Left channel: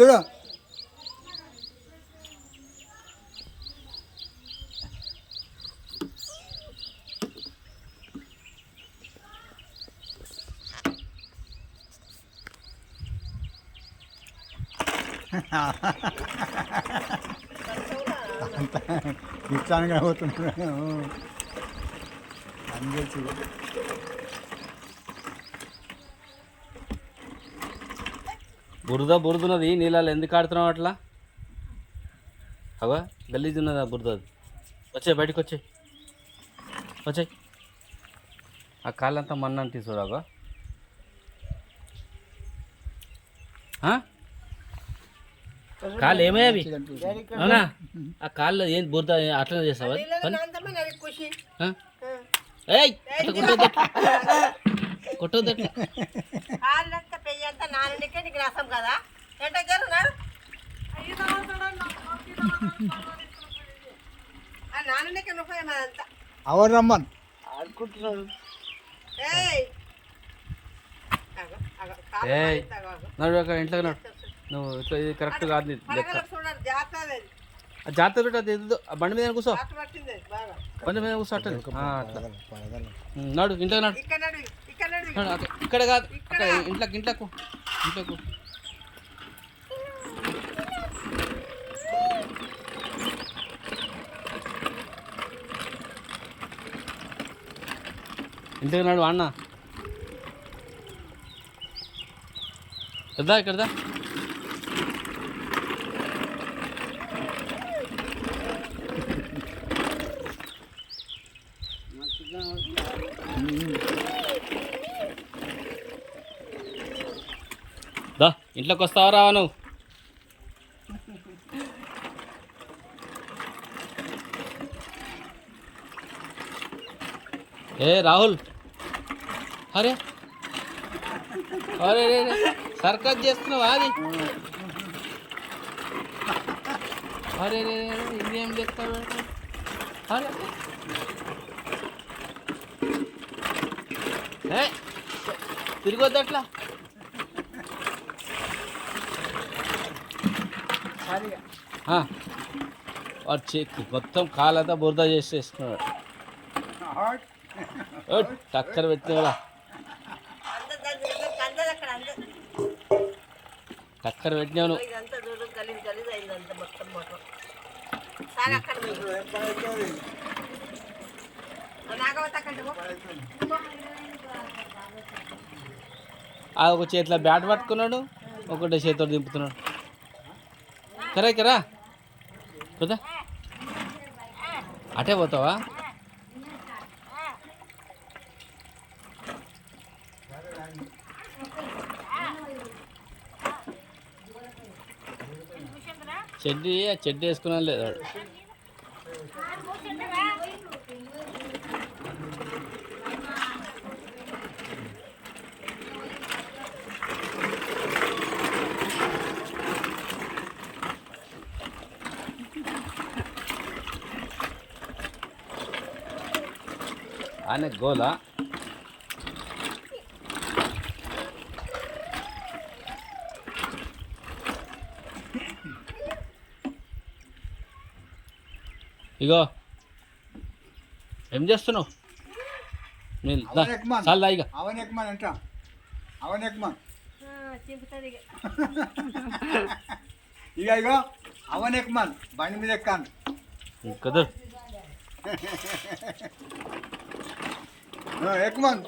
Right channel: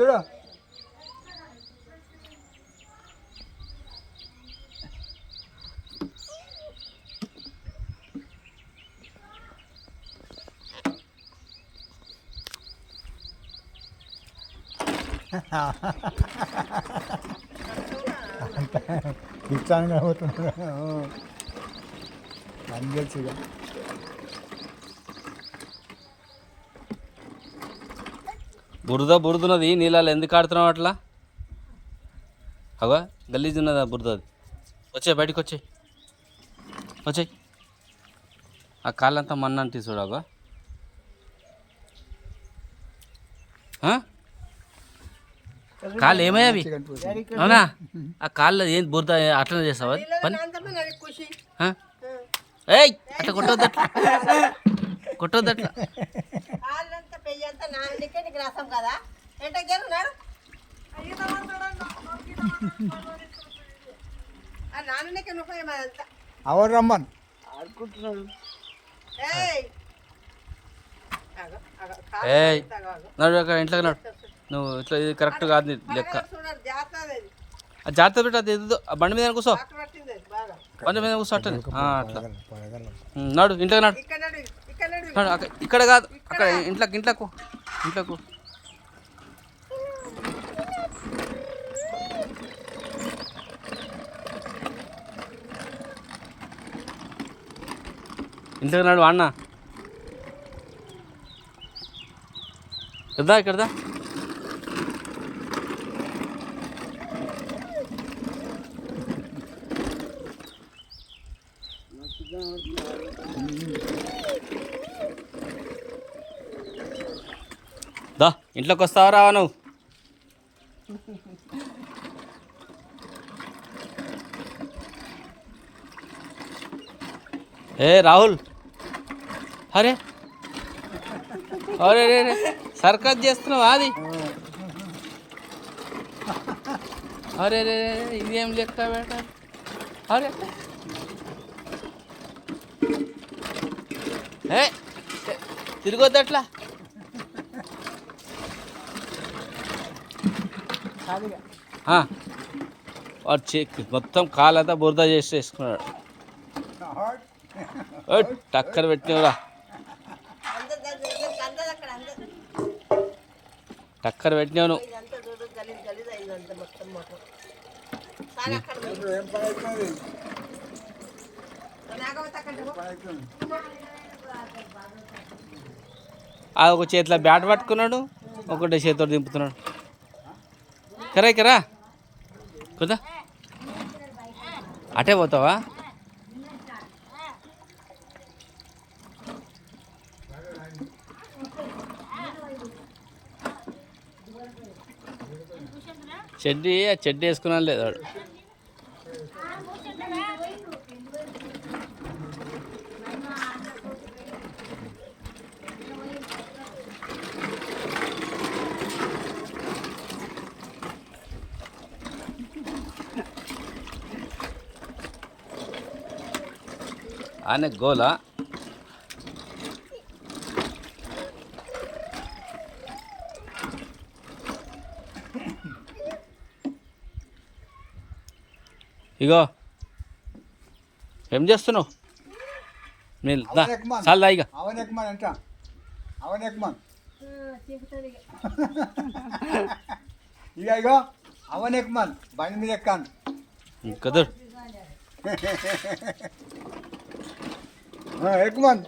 కదా ఇచ్చాను కాబోతున్నాను బురదన్నది నీళ్ళలో ఎందుకు ఆడుతున్నావు అట్లా? అగో గలీజ్ ఉన్నదా బురద? అది వచ్చాయి, బయటకు వచ్చాయి. ఆ కాళ్ళంతా మన్ను అంటే చూడగో. కాళ్ళు ఏమయ్యావి? అవునా? ఆ కాళ్ళు ఏం బురద అట్లనే చేస్తావా పని? ఏయ్ అట్లా కొట్టొద్దు అట్లా. అవరు రమ్మన్ ఏయ్ నడు అక్కడ ఇంట్లోకి నడు. నువ్వు ఇట్లా ఇది కరెక్ట్ కాదు లెక్క. జాగ్రత్త పెట్టి అది ఎదు బండి మీద కూర్చో, బండి మీద కూర్చో అట్టని అట్లా నడు. ఇంట్లోకి నడు. ఇక్కడ కాదు, అక్కడ ఇంట్లోకి. ఇంట్లోకి నడు అన్న. ఇక్కడదా దా. ఇంట్లోకి వస్తావా రావా నువ్వు? ఏ రాహుల్, అరే అరే రే సర్కస్ చేస్తున్నావా అది? అరే రే ఇదేం లెక్క బేట? అరే ఏ తిరగొద్దు అట్లా. వాడు మొత్తం కాలంతా బురద వేసుకున్నాడు. టక్కర పెట్టినవురా, టక్కర పెట్టినావు నువ్వు. ఒక చేతిలో బ్యాట్ పట్టుకున్నాడు, ఒకటే చేతితో దింపుతున్నాడు. కరా కదా అటే పోతావా? చెడ్డీ వేసుకున్నాను లేదు వాడు. ఆయన గోలా ఇగో ఏం చేస్తున్నావు? మీరు చాలా దా. ఇక ఇగో అవన్ ఎక్మన్ బండి మీద ఎక్కాను కదర్ ఎక్మన్